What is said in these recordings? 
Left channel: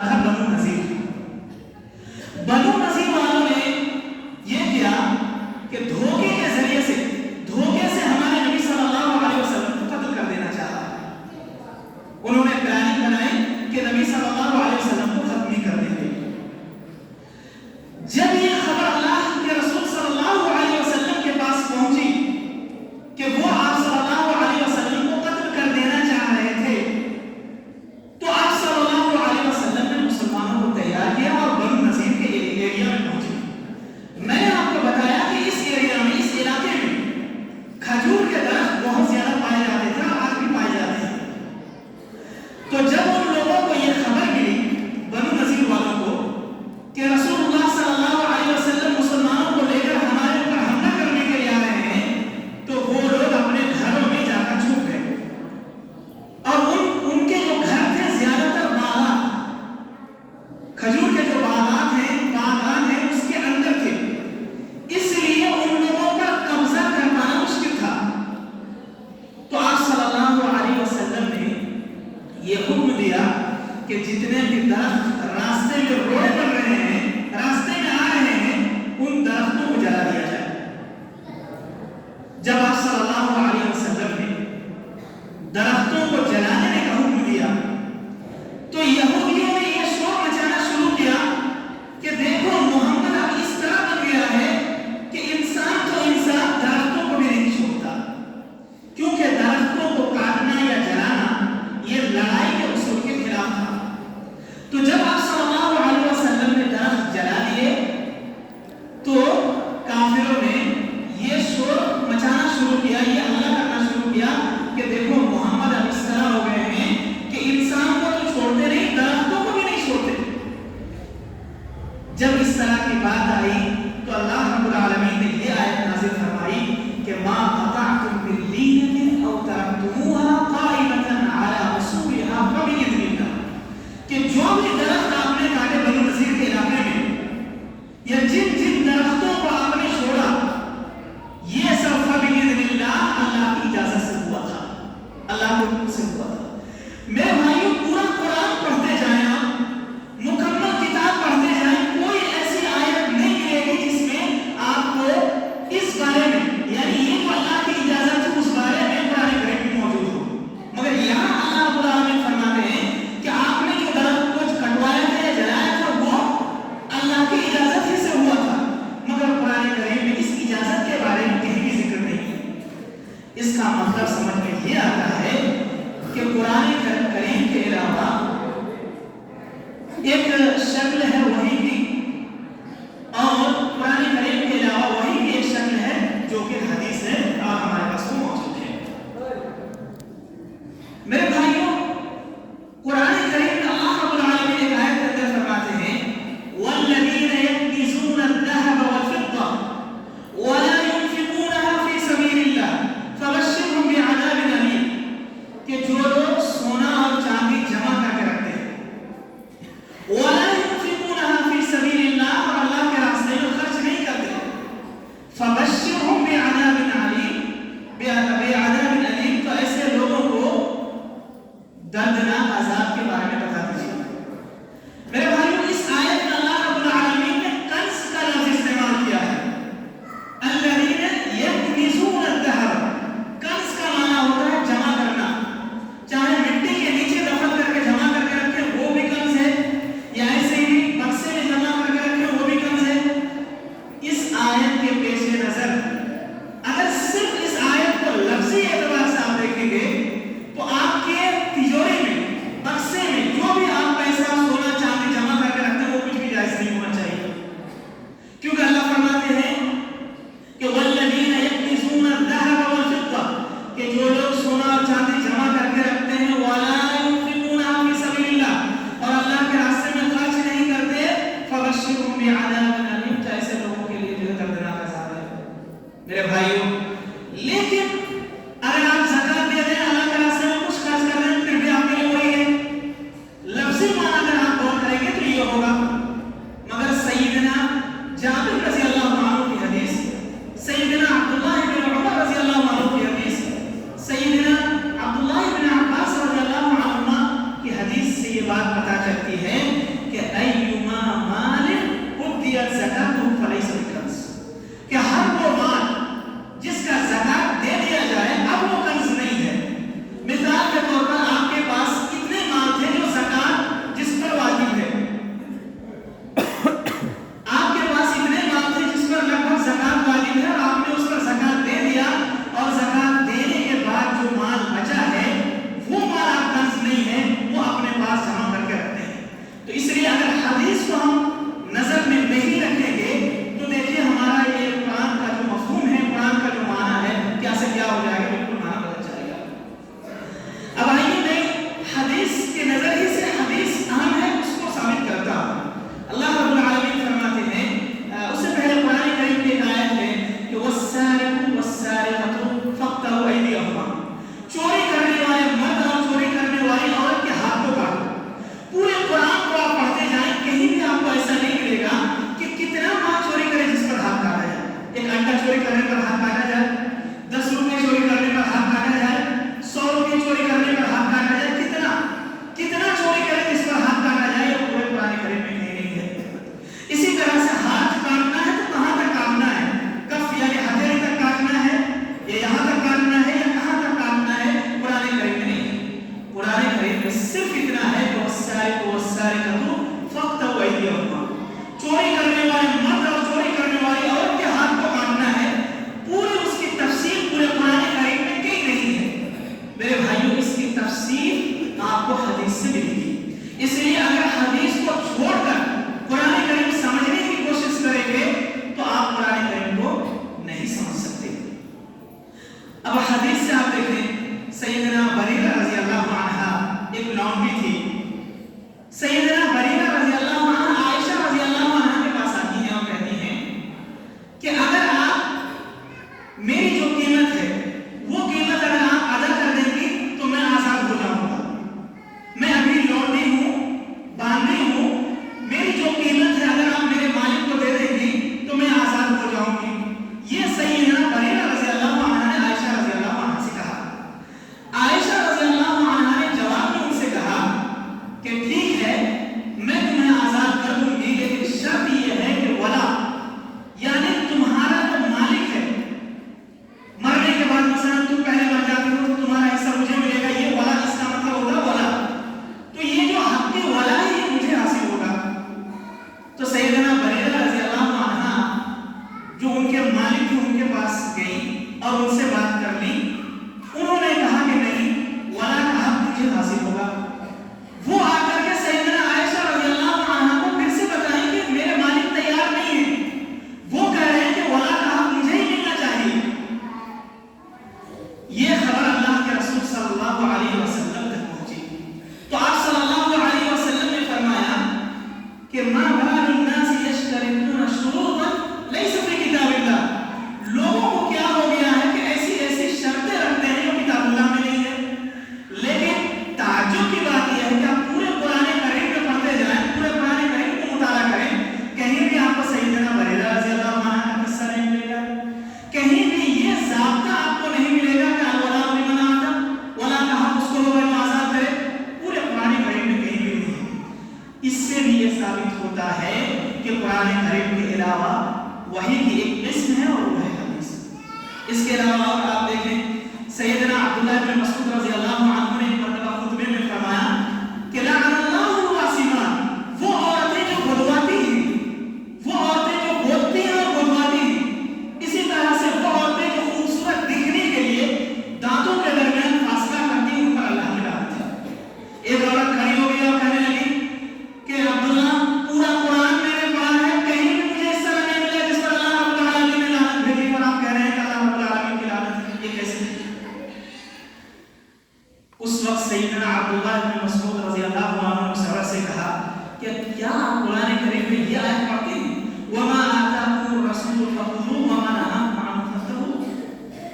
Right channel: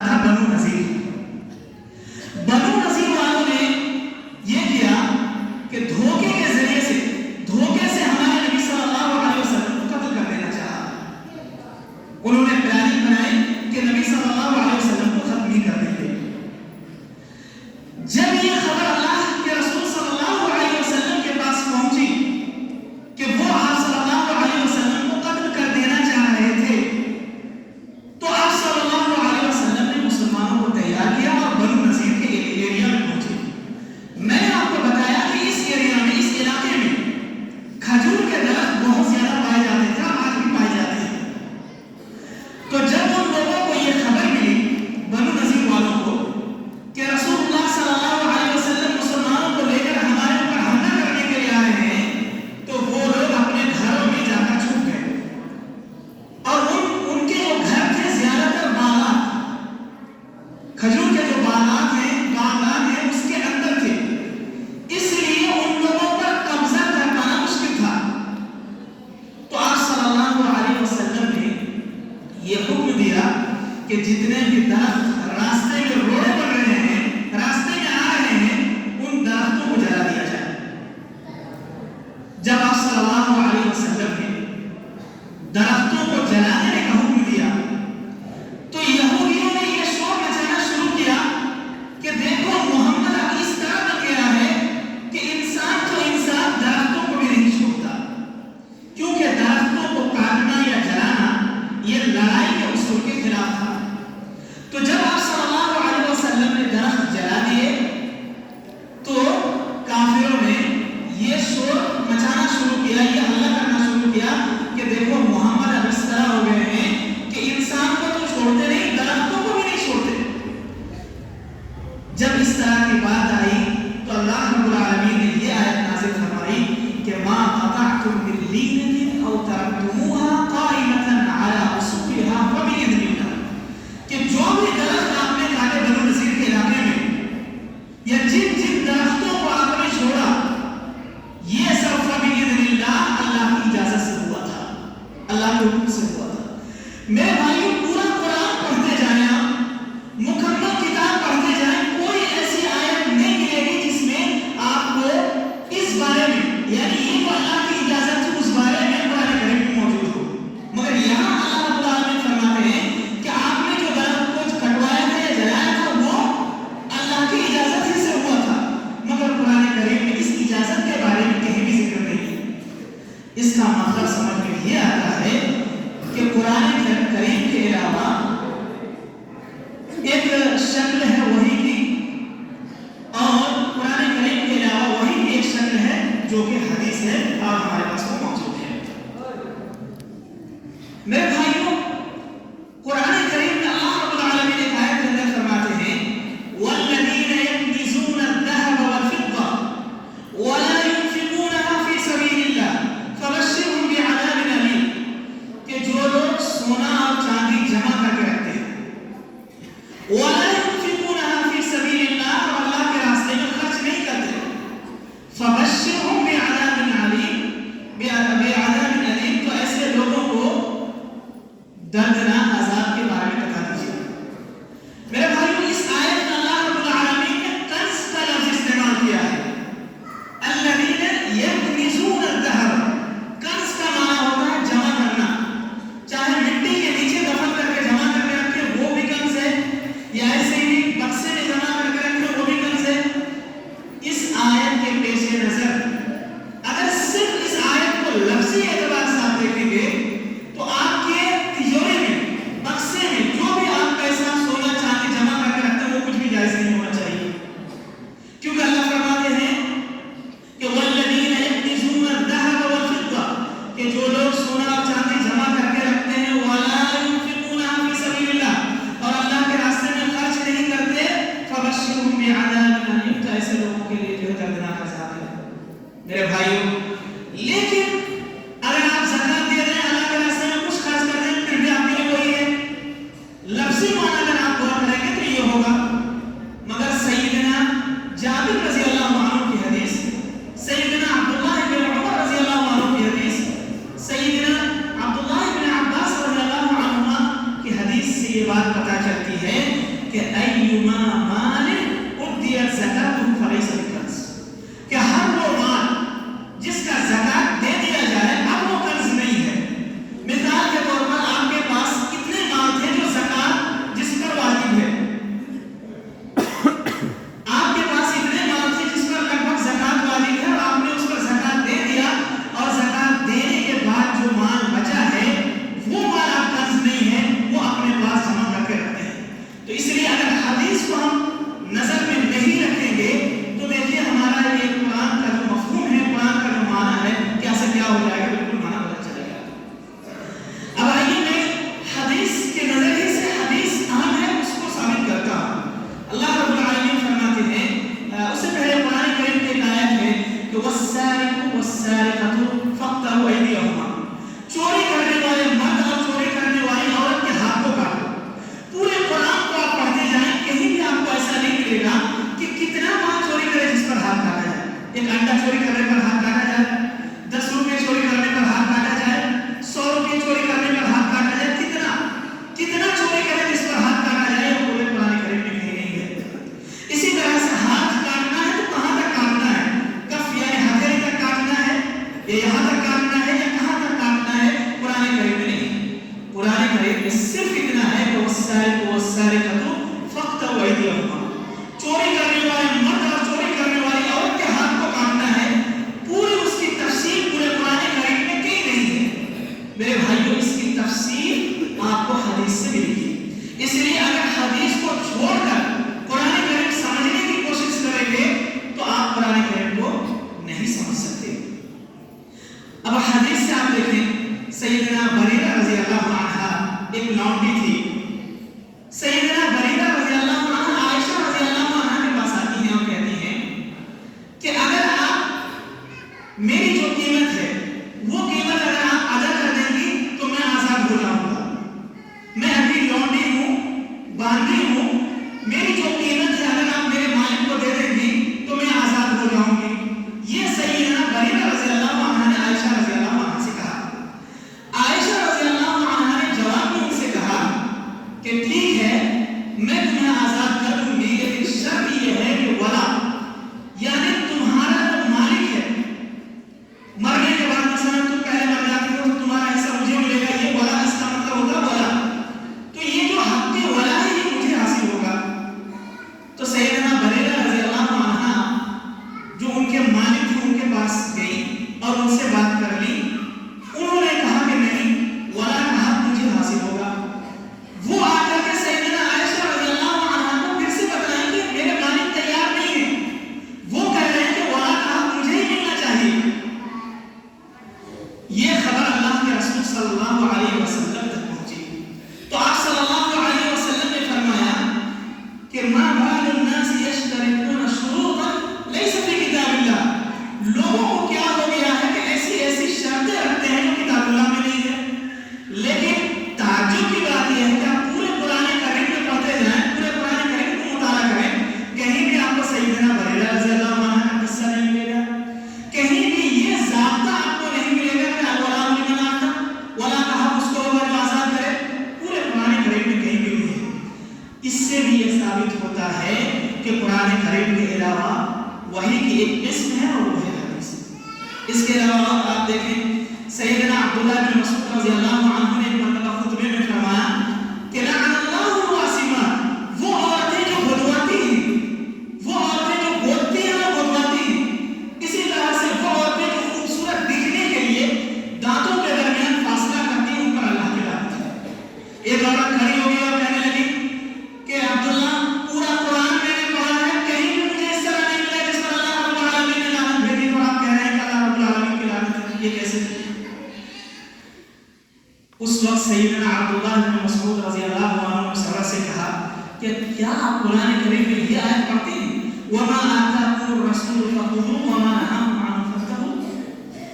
بنو نذیر والوں نے یہ کیا کہ دھوکے کے ذریعے سے ہمارے نبی صلی اللہ علیہ وسلم کو قتل کر دینا چاہا۔ انہوں نے پلاننگ بنائی کہ نبی صلی اللہ علیہ وسلم کو ختم ہی کر دیں گے۔ جب یہ خبر اللہ کے رسول صلی اللہ علیہ وسلم کے پاس پہنچی کہ وہ آپ صلی اللہ علیہ وسلم کو قتل کر دینا چاہ رہے تھے، تو آپ صلی اللہ علیہ وسلم نے مسلمانوں کو تیار کیا اور بنو نذیر کے ایریا میں پہنچے۔ میں نے آپ کو بتایا کہ اس ایریا میں، اس علاقے میں کھجور کے درخت بہت زیادہ پائے جاتے تھے اور آج بھی پائے جاتے ہیں۔ تو جب ان لوگوں کو یہ خبر ملی، بنو نذیر والوں کو، کہ رسول اللہ صلی اللہ علیہ وسلم مسلمانوں کو لے کر ہمارے اوپر حملہ کرنے کے لیے آ رہے ہیں، تو وہ لوگ اپنے گھروں میں جا کر چھپ گئے اور ان کے جو گھر تھے زیادہ تر باغات، کھجور کے جو باغات ہیں اس کے اندر تھے، اس لیے ان لوگوں پر قبضہ کر پانا مشکل تھا۔ تو آپ صلی اللہ علیہ وسلم نے یہ حکم دیا کہ جتنے بھی درخت راستے میں روڈ پر رہے ہیں، راستے میں آ رہے ہیں، ان درختوں کو جلا دیا جائے۔ جب آپ صلی اللہ علیہ وسلم نے درختوں کو جلانے کا حکم دیا تو یہودیوں نے یہ شور مچانا شروع کیا کہ دیکھو محمد اب اس طرح بن گیا ہے کہ انسان درختوں کو بھی نہیں چھوڑتا، کیونکہ درختوں کو کاٹنا یا جلانا یہ لڑائی کے اصول کے خلاف تھا۔ تو جب آپ صلی اللہ علیہ وسلم نے درخت جلا دیے تو کافروں نے یہ شور مچانا شروع کیا، یہ حملہ کرنا شروع کیا کہ دیکھو محمد اب اس طرح ہو گئے ہیں کہ انسان کو تو چھوڑتے نہیں، درختوں کو بھی نہیں چھوڑتے۔ جب اس طرح کی بات آئی تو اللہ رب العالمین نے یہ آیت نازل فرمائی کہ ما قطعتم من لینۃ او ترکتموها قائمۃ علی اصولها فباذن اللہ، کہ جو بھی درخت آپ نے کاٹے بنو نذیر کے علاقے میں، یا جن درختوں کو آپ نے چھوڑا، یہ سب فباذن اللہ، اللہ کی اجازت سے ہوا تھا، اللہ کے حکم سے ہوا تھا۔ میرے بھائیوں، پورا قرآن پڑھتے جائیں، آپ مکمل کتاب پڑھتے جائیں، کوئی ایسی آیت نہیں ملے گی جس میں آپ کو اس بارے میں، یعنی یہ جو اللہ کی اجازت ہے اس بارے میں قرآن کریم میں موجود ہو۔ مگر یہاں اللہ رب العالمین فرماتے ہیں کہ آپ نے جو درخت کو کٹوایا تھا یا جلایا تھا وہ اللہ کی اجازت ہی سے ہوا تھا، مگر قرآن کریم میں اس اجازت کے بارے میں کہیں بھی ذکر نہیں ہے۔ اس کا مطلب سمجھ میں یہ آتا ہے کہ قرآن کریم کے علاوہ ایک شکل ہے وحی کی، اور قرآن کریم کے علاوہ وحی کی ایک شکل ہے جو کہ حدیث ہے اور ہمارے پاس وہ موجود ہے۔ میرے بھائیوں، قرآن کریم میں اللہ رب العالمین ایک آیت کے اندر فرماتے ہیں وَالَّذِينَ يَكْنِزُونَ الذَّهَبَ وَالْفِضَّةَ وَلَا يُنْفِقُونَهَا فِي سَبِيلِ اللَّهِ فَبَشِّرْهُم بِعَذَابٍ أَلِيمٍ، کہ جو لوگ سونا اور چاندی جمع کر کے رکھتے ہیں، وَلَا يُنْفِقُونَهَا فِي سَبِيلِ اللَّهِ، اور اللہ کے راستے میں خرچ نہیں کرتے، فَبَشِّرْهُم بِعَذَابٍ أَلِيمٍ، تو ایسے لوگوں کو دردناک عذاب کے بارے میں بتا دیجیے۔ میرے بھائیوں، اس آیت میں اللہ رب العالمین نے کنز کا لفظ استعمال کیا ہے، الذین یکنزون الذہب۔ کنز کا معنی ہوتا ہے جمع کرنا، چاہے مٹی کے نیچے دفن کر کے جمع کر کے رکھے وہ بھی کنز ہے، یا ایسے ہی بکسے میں جمع کر کے رکھے وہ بھی کنز ہے۔ اس آیت کے پیش نظر اگر صرف اس آیت کو لفظی اعتبار سے آپ دیکھیں گے تو آپ کے تجوری میں، بکسے میں جو بھی آپ پیسہ سونا چاندی جمع کر کے رکھتے ہیں وہ کچھ بھی جائز نہیں ہونا چاہیے، کیونکہ اللہ فرماتے ہیں کہ والذین یکنزون الذهب والفضة، کہ جو لوگ سونا اور چاندی جمع کر کے رکھتے ہیں ولا ينفقونها فی سبیل اللہ، اور اللہ کے راستے میں خرچ نہیں کرتے، فبشرهم بعذاب ألیم، تو ایسے لوگوں کے لیے جو دردناک عذاب ہے۔ میرے بھائیوں، لیکن اگر آپ زکات دے رہے ہیں، اللہ کے راستے میں کچھ خرچ کر رہے ہیں، پھر بھی آپ کے لیے وہی ہے، لفظی معنی اگر آپ غور کریں گے تو یہ ہوگا۔ مگر سیدنا جابر رضی اللہ عنہ کی حدیث، سیدنا عبداللہ بن عمر رضی اللہ عنہ کی حدیث، سیدنا عبداللہ بن عباس رضی اللہ عنہ کی حدیث سے یہ بات پتہ چلتی ہے بھی یہ ثابت ہوتا ہے کہ قرآن کریم کے علاوہ وحی کی ایک قسم ہے اور وہ ہے حدیث۔ اس کے علاوہ اور آپ دیکھیں سیدنا عبداللہ بن مسعود رضی اللہ عنہ نے ایک مرتبہ خطبے میں فرمایا کہ لعن اللہ الواسمات، وہ عورتیں جو بدواتی ہیں، وہ عورتیں جو بولتی ہیں اور بدواتی ہیں، اسی طرح سے وہ عورتیں جو خوبصورت دکھنے کے لیے دانتوں کے درمیان فاصلہ کرتی ہیں، ان پر اللہ کی لعنت ہے۔ ایک عورت کھڑی ہو گئی اور کہنے لگی کہ عبداللہ پورا قرآن میں نے پڑھا ہے، کہیں بھی مجھے اس طرح نہیں ملا جس پر اللہ رب العالمین نے لعنت بھیجی، اور آپ کہہ رہے ہیں کہ اللہ رب العالمین کی لعنت ہے، یہ کیسے؟ اس وقت سیدنا عبداللہ بن مسعود رضی اللہ عنہ نے سر سے کہا کہ کیا آپ قرآن کریم میں یہ آیت پڑھتے ہیں وَمَا آتَاكُمُ الرَّسُولُ فَخُذُوهُ وَمَا نَهَاكُمْ عَنْهُ فَانتَهُوا،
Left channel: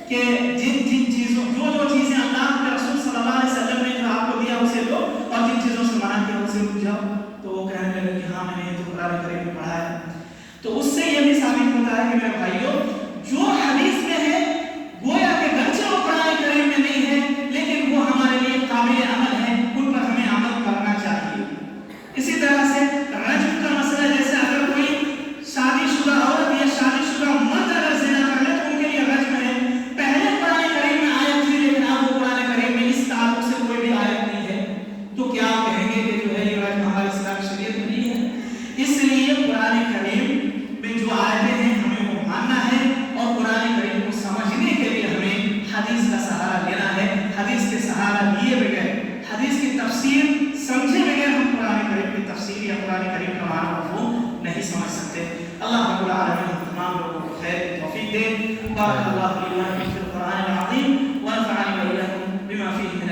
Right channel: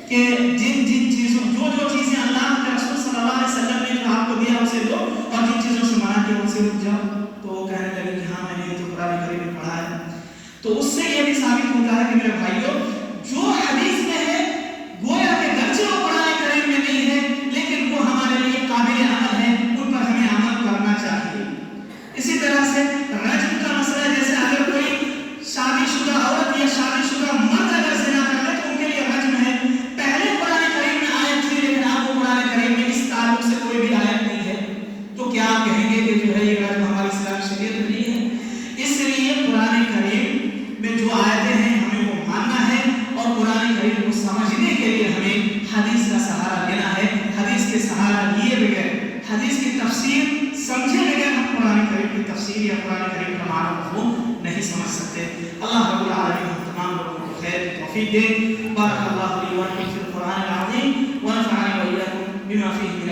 کہ جن چیزوں جو چیزیں اللہ کے رسول صلی اللہ علیہ وسلم نے جو آپ کو دیا اسے لو، اور جن چیزوں سے منع کیا ان سے رک جاؤ۔ تو وہ کہنے لگے کہ ہاں میں نے یہ تو قرآن کریم میں پڑھا ہے۔ تو اس سے یہ بھی ثابت ہوتا ہے کہ میرے بھائیوں جو حدیث میں ہے گویا کہ گرچہ وہ قرآن کریم میں نہیں ہے لیکن وہ ہمارے لیے قابل عمل ہے، ان پر ہمیں عمل کرنا چاہیے۔ اسی طرح سے رجم کا مسئلہ، جیسے اگر کوئی شادی شدہ عورت یا شادی شدہ مرد اگر زنا کر لے تو ان کے لیے رجم ہے۔ پہلے قرآن کریم میں آیت تھی لیکن اب وہ قرآن کریم میں اس تعلق سے کوئی بھی آیت نہیں ہے، تو کیا آپ کہیں گے کہ جو ہے یہ رجم ہماری اسلام شریعت میں نہیں ہے؟ اس لیے قرآن کریم میں جو آیتیں ہیں ہمیں وہ ماننا ہے، اور قرآن کریم کو سمجھنے کے لیے ہمیں حدیث کا سہارا لینا ہے۔ حدیث کے سہارا لیے بغیر، حدیث کی تفسیر سمجھے بغیر ہم قرآن کریم کی تفسیر یا قرآن کریم کا معنی مفہوم نہیں سمجھ سکتے۔ اللہ رب العالمین ہم تمام لوگوں کو خیر توفیق دے۔ بارک اللہ لی و لکم فی القرآن العظیم ونفعنی و ایاکم بما فیہ